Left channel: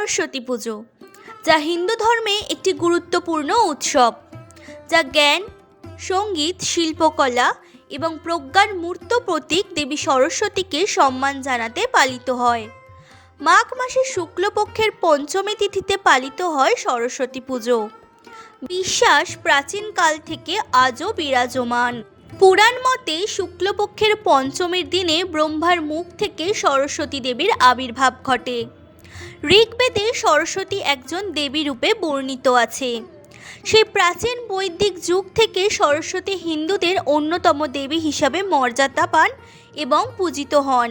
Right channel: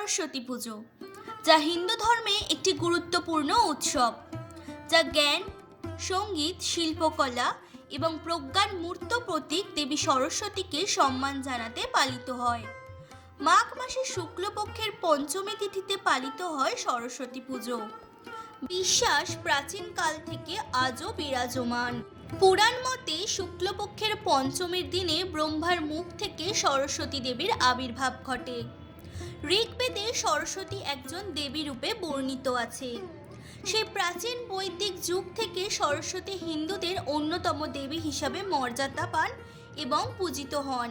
সরস্বতী পুজো, যা হিন্দু ধর্মে একটি গুরুত্বপূর্ণ উৎসব, যা জ্ঞান, সঙ্গীত, শিল্পকলা এবং প্রজ্ঞার মূর্ত প্রতীক দেবী সরস্বতীকে সম্মান জানাতে পালিত হয়। মাঘ মাসের শুক্লপক্ষের পঞ্চমী তিথিতে পালিত হয় সরস্বতী পুজো। বিশ্বাস প্রাচীনকাল থেকে আজও বিরাজমান। পুরাণ মতে শুক্লপক্ষের পঞ্চমীর দিনে ব্রহ্মার মুখ থেকে সরস্বতী দেবীর আবির্ভাব ঘটে। ঋগ্বেদে সরস্বতী একজন দেবী রূপে বর্ণিত আছে। সেই প্রাচীন বৈদিক যুগ থেকে সরস্বতী হিন্দুদের অন্যতম দেবী হিসাবে মর্যাদা পান এবং পূজিত হন।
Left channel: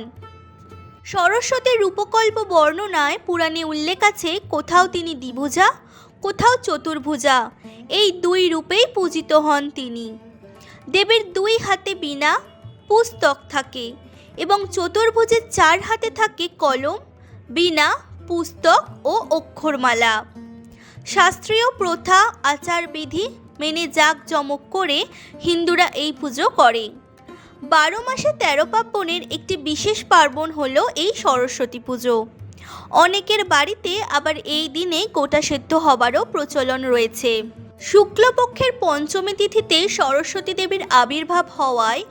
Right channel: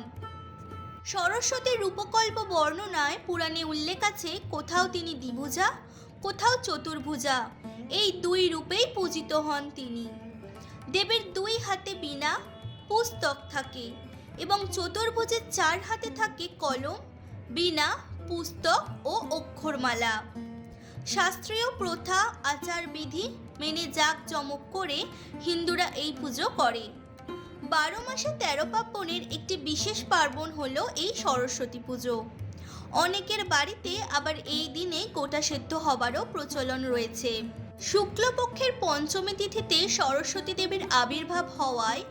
সরস্বতীর রূপকল্প বর্ণনায় পুরাণে উল্লেখ আছে, কোথাও তিনি দ্বিভুজা, কোথাও চতুর্ভুজা, এই দুই রূপেই পূজিত হন তিনি। দেবীর দুই হাতে বীণা, পুস্তক থাকে এবং চতুর্ভুজের চার হাতে থাকে কলম, বীণা, পুস্তক ও অক্ষরমালা। শাস্ত্রীয় প্রথা আচারবিধি মেনে জাঁকজমক করে হিন্দুরা এই পুজো করে। 12 মাসে 13 পার্বণের একটি বিশেষ পার্বণ হলো এই সরস্বতী পুজো। অনেকের বাড়িতে আবার এই দিনে গোটা সেদ্ধ হবারও প্রচলন রয়েছে। শুক্লপক্ষের পঞ্চমী তিথিতে সরস্বতী দেবীর আবির্ভাব হওয়ায়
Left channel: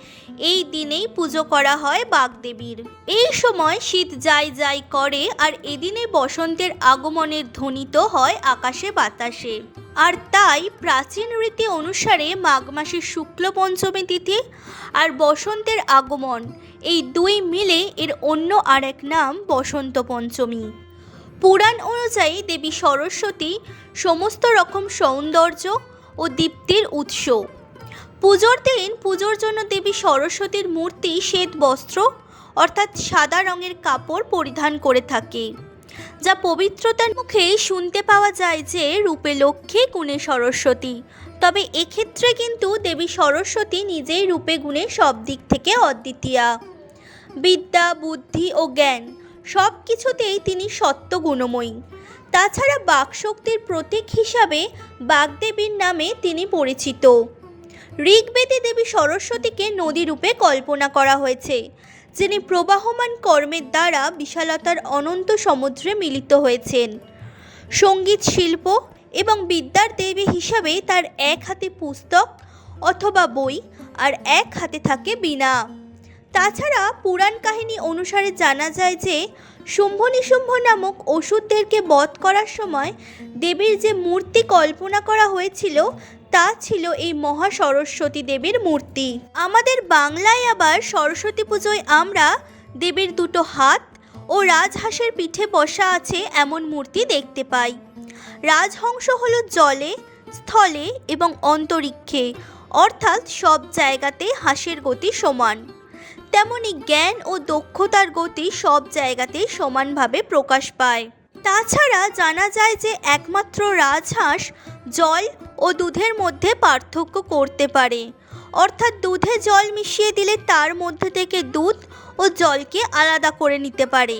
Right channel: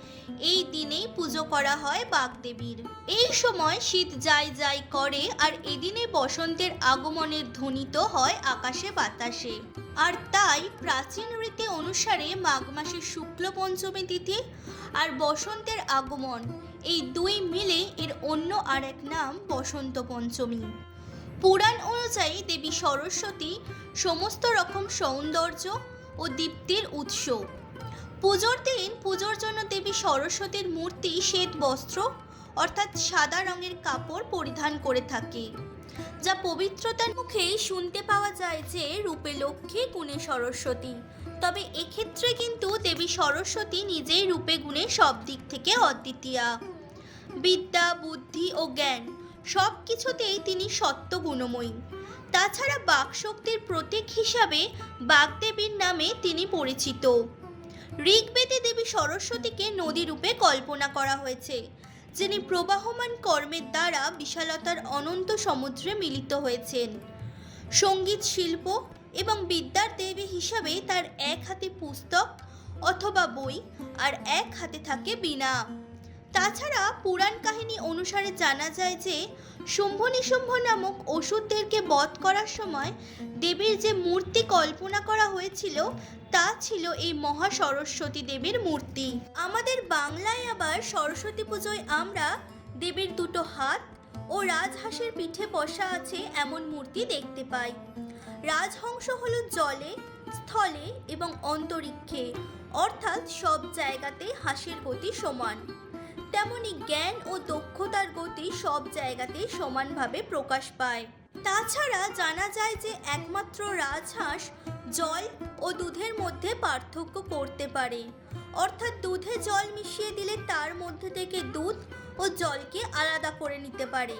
এই দিনেই পুজো করা হয় বাগদেবীর। এই সময় শীত যাই যাই করে আর এদিনে বসন্তের আগমনের ধ্বনিত হয় আকাশে বাতাসে। আর তাই প্রাচীন রীতি অনুসারে মাঘ মাসের শুক্ল পঞ্চমী তিথি আর বসন্তের আগমন, এই দুই মিলে এর অন্য আরেক নাম বসন্ত পঞ্চমী। পুরাণ অনুযায়ী দেবী সরস্বতী সমস্ত রকম সৌন্দর্য ও দীপ্তির উৎস। পুজোর দিন পুজোর জন্য দেবী সরস্বতীর মূর্তি শ্বেত বস্ত্র অর্থাৎ সাদা রঙের কাপড় পরিধান করে থাকে, যা পবিত্রতার মুখে শুনতে পাওয়া যায় যে রূপে লক্ষ্মী, গুণে সরস্বতী। তবে এক্ষেত্রে কিন্তু দেবী সরস্বতী নিজেই রূপে গুণে সব দিক থেকে অদ্বিতীয়া। বিদ্যা, বুদ্ধি ও জ্ঞান সব কিছুতেই তিনি সত্য গুণময়ী। তাছাড়া বাকশক্তির প্রতীক হিসাবে বাগদেবীর নামে তিনি পরিচিত। ঋগ্বেদে দেবী সরস্বতীকে নদী রূপে কল্পনা করা হয়েছে, যিনি প্রবাহমান কর্মের দ্বারা বিশালতার অনন্ত সমুদ্রে মিলিত হয়েছেন। সঙ্গীত, শিল্প এবং বিদ্যার দেবী হিসাবে তার এক হাতে পুস্তক অথবা বই আর এক হাতে থাকে বীণা। তাছাড়া পুরাণ কাহিনী অনুসারে জানা যায় যে শুম্ভ নিশুম্ভ নামক অসুরদেরকে বধ করার সময় দেবীর যে মূর্তি কল্পনা করা হয়েছিল তা ছিল এই মহা সরস্বতী দেবীর মূর্তি। আমাদের বাংলায় আবার সরস্বতী পুজোয় আমরা দেবীর দুটো হাত ও রাজহাঁসের পিঠে বসা আছে এমন মূর্তি দেখতে পাই। রাজহংস হলো জলে, স্থলে এবং অন্তরিক্ষে, অর্থাৎ সব জায়গাতে হাঁসের গতি সমান। তেমনি জ্ঞান ও দক্ষতার গতি সব জায়গাতেই সমানভাবে প্রকাশ পায়। তাছাড়া জানা যায় যে একমাত্র রাজহাঁস জল ও দুধের মধ্যে পার্থক্য করতে পারে, অর্থাৎ দুধে জল মিশিয়ে দিলে তার মধ্যে থেকে দুধ ও জলকে আলাদা করে নিতে পারে।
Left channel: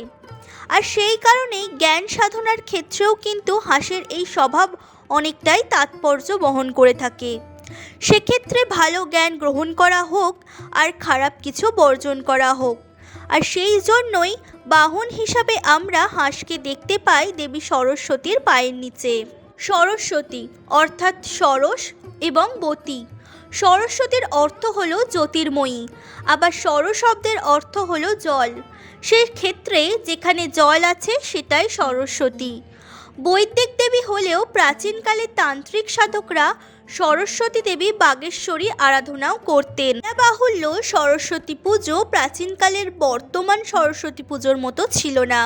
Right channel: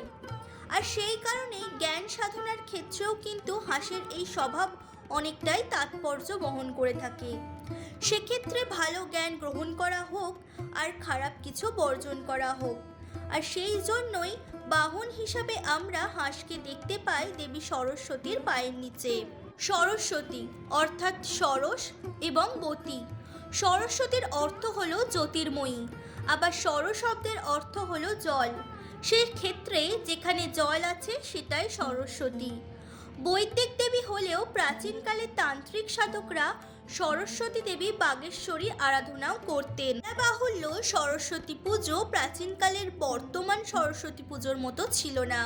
আর সেই কারণেই জ্ঞান সাধনার ক্ষেত্রেও কিন্তু হাঁসের এই স্বভাব অনেকটাই তাৎপর্য বহন করে থাকে। সেক্ষেত্রে ভালো জ্ঞান গ্রহণ করা হোক আর খারাপ কিছু বর্জন করা হোক। আর সেই জন্যই বাহন হিসাবে আমরা হাঁসকে দেখতে পাই দেবী সরস্বতীর পায়ের নিচে। সরস্বতী অর্থাৎ সরস এবং বতী। সরস্বতীর অর্থ হলো জ্যোতির্ময়ী, আবার সর শব্দের অর্থ হলো জল। সেই ক্ষেত্রে যেখানে জল আছে সেটাই সরস্বতী। বৈদিক দেবী হলেও প্রাচীনকালে তান্ত্রিক সাধকরা সরস্বতী দেবী বাগেশ্বরী আরাধনাও করতেন। বাহুল্য সরস্বতী পুজো প্রাচীনকালের বর্তমান সরস্বতী পুজোর মতো ছিল না।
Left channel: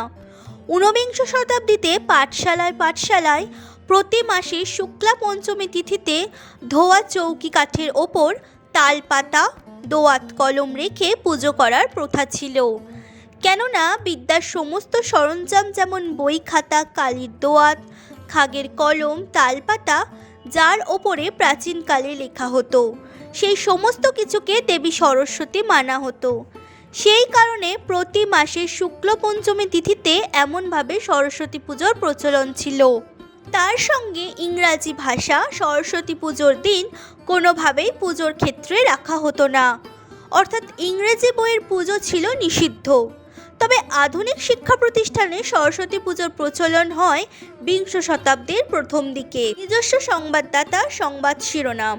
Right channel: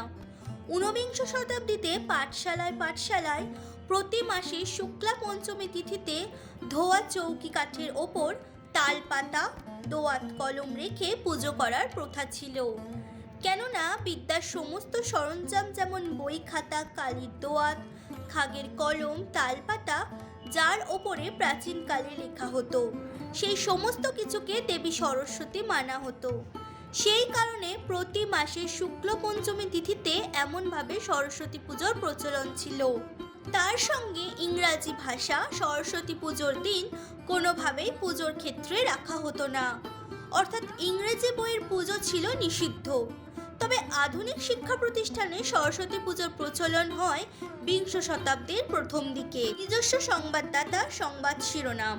ঊনবিংশ শতাব্দীতে পাঠশালায় প্রতি মাসে শুক্লা পঞ্চমী তিথিতে ধোয়া চৌকি কাঠের ওপর তালপাতা, দোয়াত কলম রেখে পুজো করার প্রথা ছিল। কেননা বিদ্যার সমস্ত সরঞ্জাম যেমন বই, খাতা, কালির দোয়াত, খাগের কলম, তালপাতা যার ওপরে প্রাচীনকালে লেখা হতো, সেই সমস্ত কিছুকে দেবী সরস্বতী মানা হতো। সেই কারণে প্রতি মাসে শুক্ল পঞ্চমী তিথিতে এমনভাবে সরস্বতী পুজোর প্রচলন ছিল। তার সঙ্গে ইংরাজি ভাষা সরস্বতী পুজোর দিন কোনোভাবেই পুজোর ক্ষেত্রে রাখা হতো না, অর্থাৎ ইংরেজি বইয়ের পুজো ছিল নিষিদ্ধ। তবে আধুনিক শিক্ষা প্রতিষ্ঠানে সরস্বতী পুজোর প্রচলন হয় বিংশ শতাব্দীর প্রথম দিকে। নিজস্ব সংবাদদাতা, সংবাদ শিরোনাম।